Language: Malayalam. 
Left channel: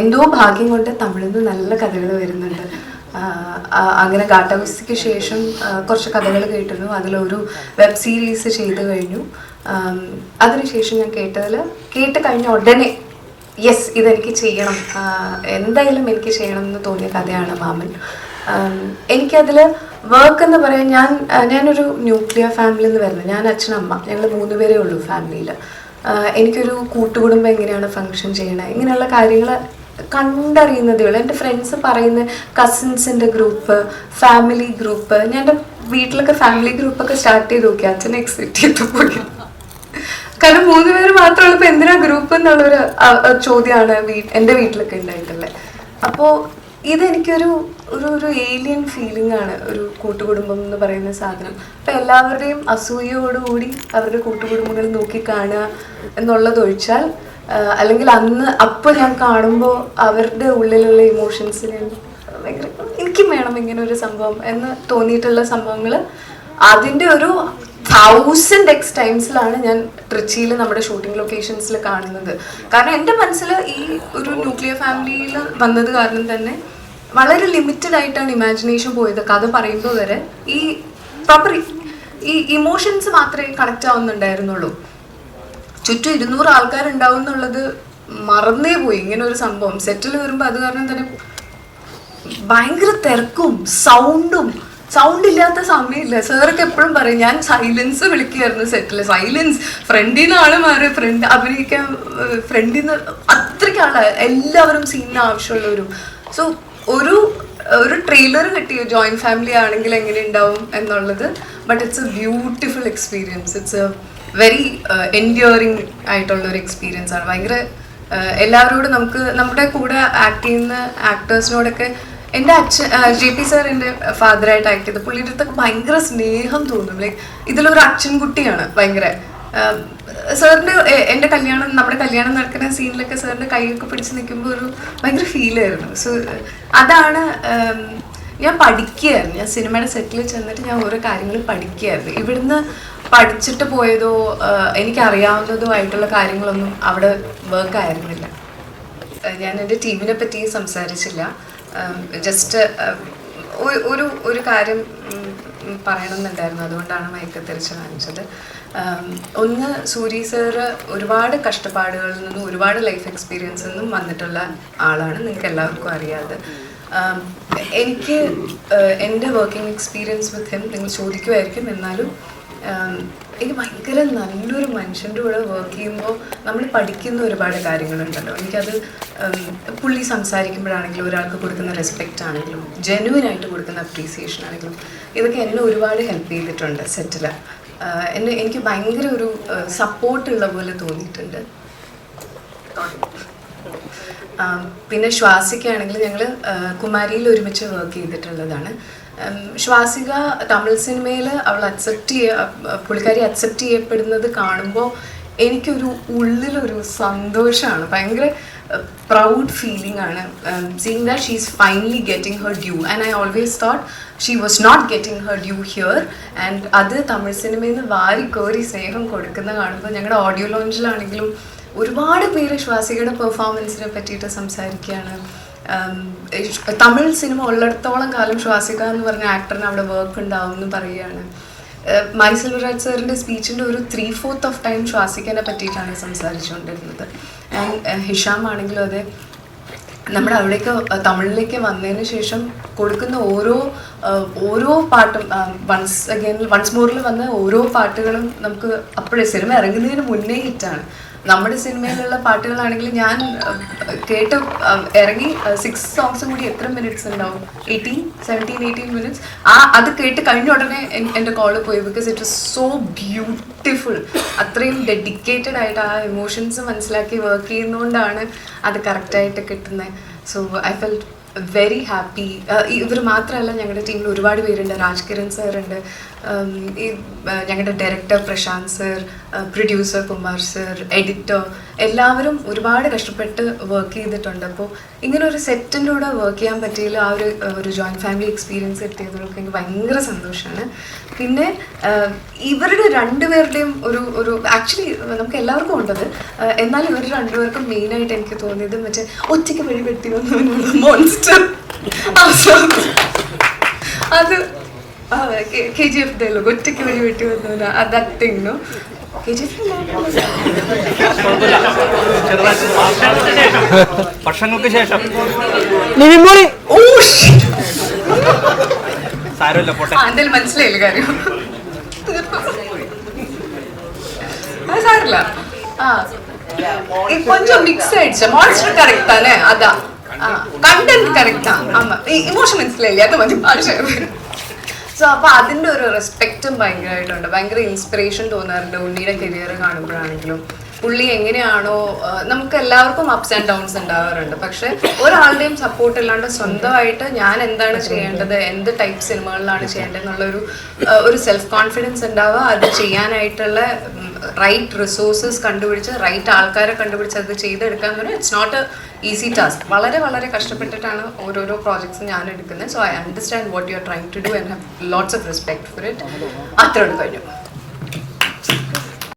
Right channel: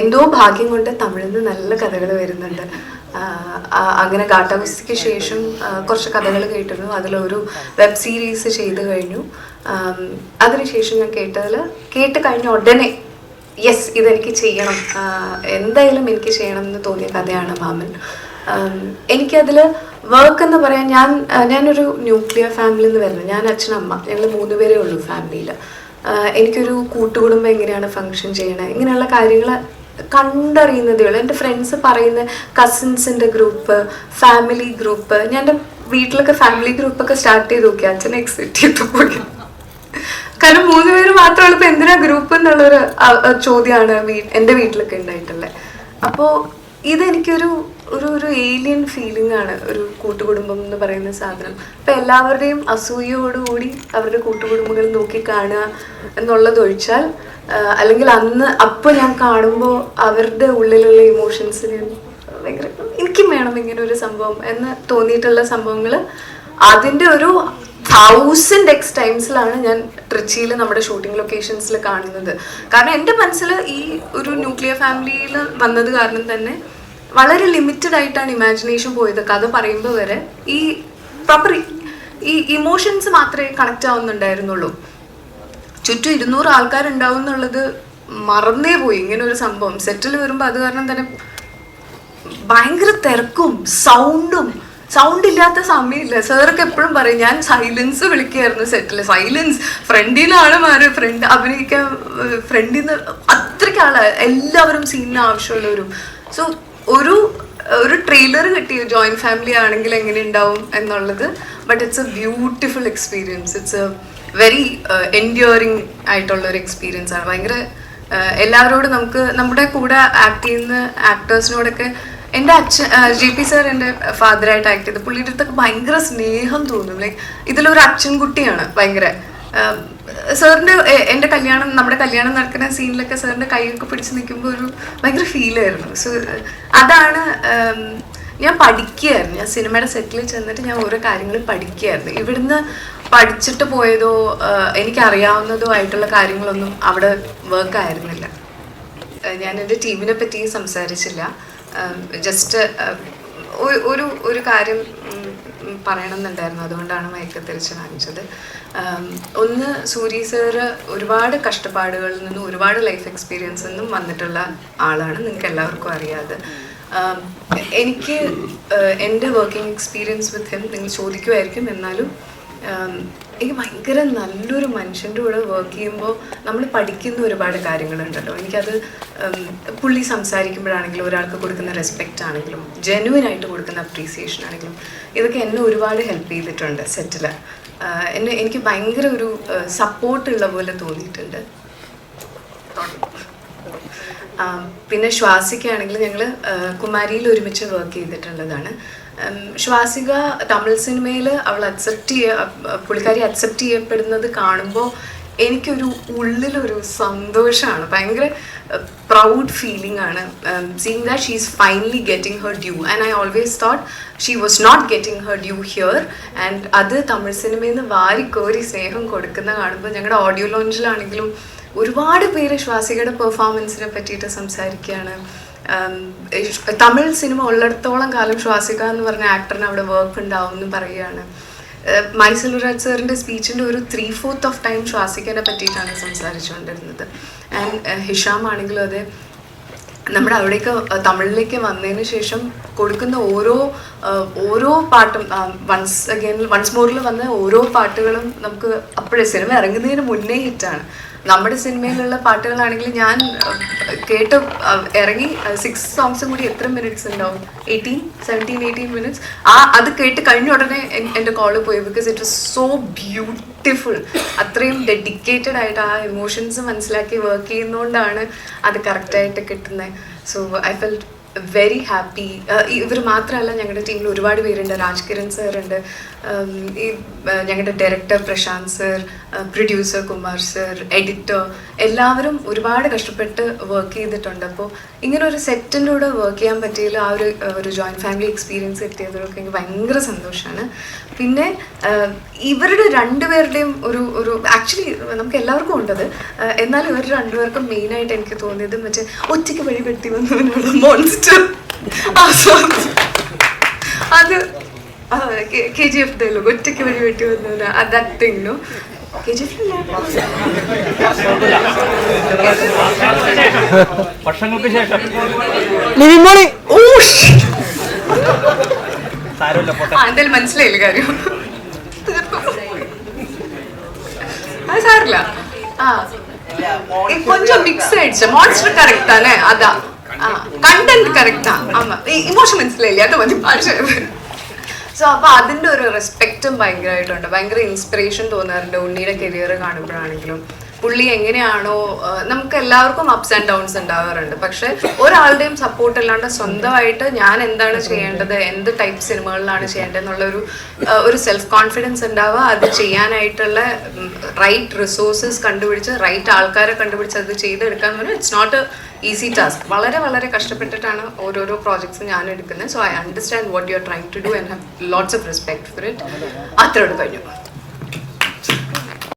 എന്തോ ഭാഗ്യം കൊണ്ട് തമിഴിൽ നിന്ന് നല്ല കഥകൾ വരുന്നുണ്ട്. അങ്ങനെ ഗാട്ടാഗുസ്തിക്ക് ശേഷം കുറച്ച് കഥകൾ കേട്ടിരുന്നു. അതിലൊരു വെബ് സീരീസ് ചെയ്ത് കഴിഞ്ഞു. അതിനുശേഷം ഞാൻ കേട്ട് കഴിഞ്ഞ ഉടനെ യെസ് ഇതെനിക്ക് ചെയ്യണം, എന്തായാലും എനിക്ക് ചെയ്യണം എന്ന് തോന്നിയ കഥയാണ് മാമൻ. എനിക്കതിൽ വർക്ക് എന്ന് പറയാൻ ഞാനൊരു ന്യൂക്ലിയർ ഫാമിലിയിൽ നിന്ന് വരുന്നത്. ഞാൻ അച്ഛനമ്മ ഞങ്ങൾ 3 പേരേ ഉള്ളൂ ഫാമിലിയിൽ. എനിക്കൊരു കൂട്ടുകുടുംബം എങ്ങനെയാണ് ഫങ്ഷൻ ചെയ്യണത് ഇങ്ങനെയുള്ള കാര്യങ്ങൾ കണ്ടറിയുന്നതേ ഉള്ളൂ. എൻ്റെ ഫ്രണ്ട്സ് പറയുന്ന കസിൻസിൻ്റെ ഗ്രൂപ്പ്, ഫാമിലി ഗ്രൂപ്പ്, ഞാൻ എൻ്റെ വീട്ടിലൊക്കെ ഫാമിലി ഗ്രൂപ്പൊക്കെ സ്റ്റാർട്ട് ചെയ്ത് നോക്കി. അച്ഛനെ എക്സിറ്റ് ചെയ്തു പോയി. കാരണം 3 പേര് മാത്രമാണ് ഇപ്പം എന്തിനാ ഗ്രൂപ്പ് എന്നുള്ളൊരു ചോദ്യമാണ് എൻ്റെ വീട്ടിലൊക്കെ ഉണ്ടായിട്ടുള്ളത്. അപ്പോൾ ഇതെനിക്കൊരു ഒരു ഏലിയൻ ഫീലിംഗ് ആണ് ഒരു കൂട്ടുകുടുംബം എന്ന് പറയുന്ന സാധനം. അപ്പം എല്ലാവരുടെയും അസൂയയോടുകൂടി അവരുടെ കൂട്ടുകുടുംബങ്ങൾ നോക്കി കാണുക എന്നുള്ളതൊഴിച്ചാൽ, അല്ലെങ്കിൽ അപ്പോൾ ഞാൻ കാണുമ്പോൾ അവരുടെ ഉള്ളിലുള്ള ഇമോഷൻസിന് ഭയങ്കര എനിക്കും വേണം ഇങ്ങനെ ഒരു സംഭവം എന്ന് തോന്നിയിട്ടുള്ള സംഭവങ്ങൾ അതിൻ്റെ ഒരു 1000x ടൈംസിലാണ് ഞാൻ ട്രിച്ചിയിൽ നമ്മുടെ ഷൂട്ടിംഗ് ലൊക്കേഷൻസിൽ കാണുന്നത്. കാരണം എൻ്റെ മനസ്സിൽ ഈ ഒരു ന്യൂക്ലിയർ ഫാമിലിയിൽ വന്നത് കാരണം തന്നെ വളരെ ലിമിറ്റഡ് ആയിട്ടാണ് ഇമാജിനേഷൻ പോയത്. കഥ പറയുമ്പോൾ വരെ ഈ പ്രോപ്പർ ഈ ഇമോഷൻസ് മാത്രമേ കണക്റ്റ് ആവുന്നുണ്ടായിരുന്നുള്ളൂ. ചുറ്റും 200 ആൾക്കാരുണ്ടാവും എന്നുള്ളത് മറന്നേ പോയി. ഇങ്ങനെ ഒരു സംഭവം സെറ്റിൽ വരുമ്പോൾ അത് കാരണം തന്നെ ഭയങ്കര തിരക്കും സൗണ്ട് ഇല്ലാത്ത സമയമില്ല. സാറൊക്കെ എപ്പോഴും പറയും, ഞാൻ സൈലൻസ് വിളിക്കുകയായിരുന്നു സെറ്റിൽ. സൈലൻസ് ഫ്രണ്ടിനാണ് ഫ്രണ്ട് അഭിനയിക്കാൻ, ഫ്രണ്ടിൽ നിന്ന് അത്രയ്ക്ക് എല്ലാവരും സീനിന് ആവശ്യമുള്ളവരും. സോ ഒരു ട്രെയിലർ കിട്ടിയോ ജോയിന്റ് ഫാമിലി ആണെങ്കിൽ എങ്ങനെ ഉണ്ടാവും എന്നുള്ളത്. But it's A beautiful experience. It's A very enduring ആയിട്ടുള്ള ഒരു എക്സ്പീരിയൻസ് ആണ്. ഭയങ്കര എല്ലാവരോടും നമ്മുടെ കൂടെ ആക്ട് ചെയ്യുന്ന ആക്ടേഴ്സിനോടൊക്കെ എൻ്റെ അച്ഛൻ JP സാർ എൻ്റെ ഫാദറായിട്ട് ആക്ട് ചെയ്ത് പുള്ളിയുടെ അടുത്തൊക്കെ ഭയങ്കര സ്നേഹം തോന്നും. ലൈക്ക് ഇതിലൊരു അച്ഛൻകുട്ടിയാണ് ഭയങ്കര. സാറിൻ്റെ നമ്മുടെ കല്യാണം നടക്കുന്ന സീനിലൊക്കെ സാറിൻ്റെ കൈയൊക്കെ പിടിച്ച് നിൽക്കുമ്പോൾ ഒരു ഭയങ്കര ഫീലായിരുന്നു. സോ അതാണ് ഞാൻ പഠിക്കുകയായിരുന്നു. ഞാൻ സിനിമയുടെ സെറ്റിൽ ചെന്നിട്ട് ഞാൻ ഓരോ കാര്യങ്ങൾ പഠിക്കുകയായിരുന്നു. ഇവിടുന്ന് പഠിച്ചിട്ട് പോയതോ എനിക്കറിയാവുന്നതോ ആയിട്ടുള്ള കാര്യങ്ങളൊന്നും അവിടെ വർക്ക് ആയിരുന്നില്ല. ഞാൻ എൻ്റെ ടീമിനെ പറ്റി സംസാരിച്ചില്ല. ജസ്റ്റ് ഒരു കാര്യം പറയണം എന്നുണ്ടായിരുന്നു, അതുകൊണ്ടാണ് മൈക്ക് തിരിച്ച് കാണിച്ചത്. ഒന്ന്, സൂരി സാറ് ഒരുപാട് കഷ്ടപ്പാടുകളിൽ നിന്നും ഒരുപാട് ലൈഫ് എക്സ്പീരിയൻസിൽ നിന്നും വന്നിട്ടുള്ള ആളാണ്, നിങ്ങൾക്ക് എല്ലാവർക്കും അറിയാതെ. എനിക്ക് എൻ്റെ വർക്കിംഗ് എക്സ്പീരിയൻസ് വിത്ത് ഹിം നിങ്ങൾ ചോദിക്കുമായിരിക്കും. എന്നാലും എനിക്ക് ഭയങ്കര നല്ലൊരു മനുഷ്യൻ്റെ കൂടെ വർക്ക് ചെയ്യുമ്പോൾ നമ്മൾ പഠിക്കുന്ന ഒരുപാട് കാര്യങ്ങളുണ്ടല്ലോ. എനിക്കത് പുള്ളി സംസാരിക്കുമ്പോഴാണെങ്കിലും ഒരാൾക്ക് കൊടുക്കുന്ന റെസ്പെക്റ്റ് ആണെങ്കിലും ജെനുവിനായിട്ട് കൊടുക്കുന്ന അപ്രീസിയേഷൻ ആണെങ്കിലും ഇതൊക്കെ എന്നെ ഒരുപാട് ഹെൽപ്പ് ചെയ്തിട്ടുണ്ട് സെറ്റിൽ. എനിക്ക് ഭയങ്കര ഒരു സപ്പോർട്ടുള്ള പോലെ തോന്നിയിട്ടുണ്ട്. പിന്നെ ശ്വാസികയാണെങ്കിൽ ഞങ്ങൾ കുമാരിയിൽ ഒരുമിച്ച് വർക്ക് ചെയ്തിട്ടുള്ളതാണ്. ശ്വാസിക തമിഴ് സിനിമയിൽ പുള്ളിക്കാരി അക്സെപ്റ്റ് ചെയ്യപ്പെടുന്നത് കാണുമ്പോൾ എനിക്കൊരു ഉള്ളിലൊരു സന്തോഷമാണ്, ഭയങ്കര പ്രൗഡ് ഫീലിംഗ് ആണ്. Seeing that she is finally getting her due and I always thought she was not getting her due here. And അത് തമിഴ് സിനിമയിൽ നിന്ന് വാരിക്കോരി സ്നേഹം കൊടുക്കുന്ന കാണുമ്പോൾ ഞങ്ങളുടെ ഓഡിയോ ലോഞ്ചിലാണെങ്കിലും ഒരുപാട് പേര് ശ്വാസികയുടെ പെർഫോമൻസിനെ പറ്റിയിട്ട് സംസാരിക്കുകയാണ്. തമിഴ് സിനിമ ഉള്ളിടത്തോളം കാലം ശ്വാസിക എന്ന് പറഞ്ഞ ആക്ടറിന് അവിടെ വർക്ക് ഉണ്ടാവും എന്ന് പറയുകയാണ്. മൈസൂരാജ് സാറിൻ്റെ സ്പീച്ചിൻ്റെ ഒരു 3/4 ഓഫ് ടൈം ശ്വാസികനെ പറ്റിയിട്ടാണ് സംസാരിച്ചുകൊണ്ടിരുന്നത്. ആൻഡ് ഹിഷാം ആണെങ്കിലും അതെ, നമ്മുടെ അവിടേക്ക് തമിഴിലേക്ക് വന്നതിന് ശേഷം കൊടുക്കുന്ന ഓരോ പാട്ടും വൺസ് മോറിൽ വന്ന ഓരോ പാട്ടുകളും നമുക്ക് അപ്പോഴേ സിനിമ ഇറങ്ങുന്നതിന് മുന്നേ ഹിറ്റാണ്. നമ്മുടെ സിനിമയിലുള്ള പാട്ടുകളാണെങ്കിൽ ഞാൻ കേട്ട് ഇറങ്ങി 6 സോങ്സും കൂടി എത്ര മിനിറ്റ്സ് ഉണ്ടാവും? 17-18 മിനിറ്റ്സ്. അത് കേട്ട് കഴിഞ്ഞ ഉടനെ എൻ്റെ കോള് പോയി. Because it was so beautiful. അത്രയും ഡെഡിക്കേറ്റഡ് ആയിട്ട് ആ ഇമോഷൻസ് മനസ്സിലാക്കി വർക്ക് ചെയ്യുന്നതുകൊണ്ടാണ് അത് കറക്റ്റായിട്ട് കിട്ടുന്നത്. So I felt very happy. ഇവർ മാത്രമല്ല, ഞങ്ങളുടെ ടീമിൽ ഒരുപാട് പേരുണ്ട്. രാജ് കിരൺ സാറുണ്ട്, ഈ ഞങ്ങളുടെ director Prashant sir, producer Kumar sir, editor എല്ലാവരും ഒരുപാട് കഷ്ടപ്പെട്ട് വർക്ക് ചെയ്തിട്ടുണ്ട്. അപ്പോൾ ഇങ്ങനെ ഒരു സെറ്റിൻ്റെ കൂടെ വർക്ക് ചെയ്യാൻ പറ്റിയതിൽ ആ ഒരു ജോയിൻറ്റ് ഫാമിലി എക്സ്പീരിയൻസ് കിട്ടിയതൊക്കെ എനിക്ക് ഭയങ്കര സന്തോഷമാണ്. പിന്നെ ഇവരുടെ രണ്ടുപേരുടെയും ഒരു ആക്ച്വലി നമുക്ക് എല്ലാവർക്കും ഉണ്ടത്, എന്നാൽ ഇവർ രണ്ടുപേർക്കും മെയിനായിട്ട് എനിക്ക് തോന്നിയത് മറ്റേ ഒറ്റയ്ക്ക് വഴി വെട്ടി വന്നവനുള്ള മോൺസ്റ്റർ അത് KGF ഡയലോഗ്, ഒറ്റയ്ക്ക് വഴി വെട്ടി വന്നവന ദാറ്റ് തിങ് നോ KGF വർഷങ്ങൾക്ക് ശേഷം എന്തായാലും മനസ്സിലായില്ല കാര്യം, അത് സാരില്ല. கொஞ்சம் மிக்ஸ் ஆயிடுச்சு. மான்ஸ்டர் கரெக்ட் தானே, அதான் கண்டென்ட் கரெக்ட் தான். ஆமா, ഇമോഷൻ മനസ്സിലായില്ലേ, അത് മതി ഭാഷ. സോ അപ്പോൾ അതിൻ്റെ ഒരു റെസ്പെക്റ്റും ഭയങ്കരമായിട്ടുണ്ട്. ഭയങ്കര ഇൻസ്പിറേഷൻ തോന്നാറുണ്ട് ഉണ്ണിയുടെ കരിയർ കാണുമ്പോഴാണെങ്കിലും. പുള്ളി എങ്ങനെയാണോ, നമുക്ക് എല്ലാവർക്കും അപ്സ് ആൻഡ് ഡൗൺസ് ഉണ്ടാവാറുണ്ട്, പക്ഷെ ഒരാളുടെയും സപ്പോർട്ട് ഇല്ലാണ്ട് സ്വന്തമായിട്ട് ഞാൻ എന്താണ് ചെയ്യേണ്ടത്, എന്ത് ടൈപ്പ് സിനിമകളിലാണ് ചെയ്യേണ്ടത് എന്നുള്ളൊരു സെൽഫ് കോൺഫിഡൻസ് ഉണ്ടാവുക, അത് ചെയ്യാനായിട്ടുള്ള റൈറ്റ് റിസോഴ്സസ് കണ്ടുപിടിച്ച് റൈറ്റ് ആൾക്കാരെ കണ്ടുപിടിച്ച് അത് ചെയ്തെടുക്കാൻ എന്ന് പറഞ്ഞാൽ it's not a easy task. വളരെ വളരെ കഷ്ടപ്പെട്ടിട്ടാണ് ഓരോരോ പ്രോജക്ട്സ് ഞാൻ എടുക്കുന്നത്. So I understand what you are trying to do and have lots of respect for it. അത്രയോട് കഴിഞ്ഞു.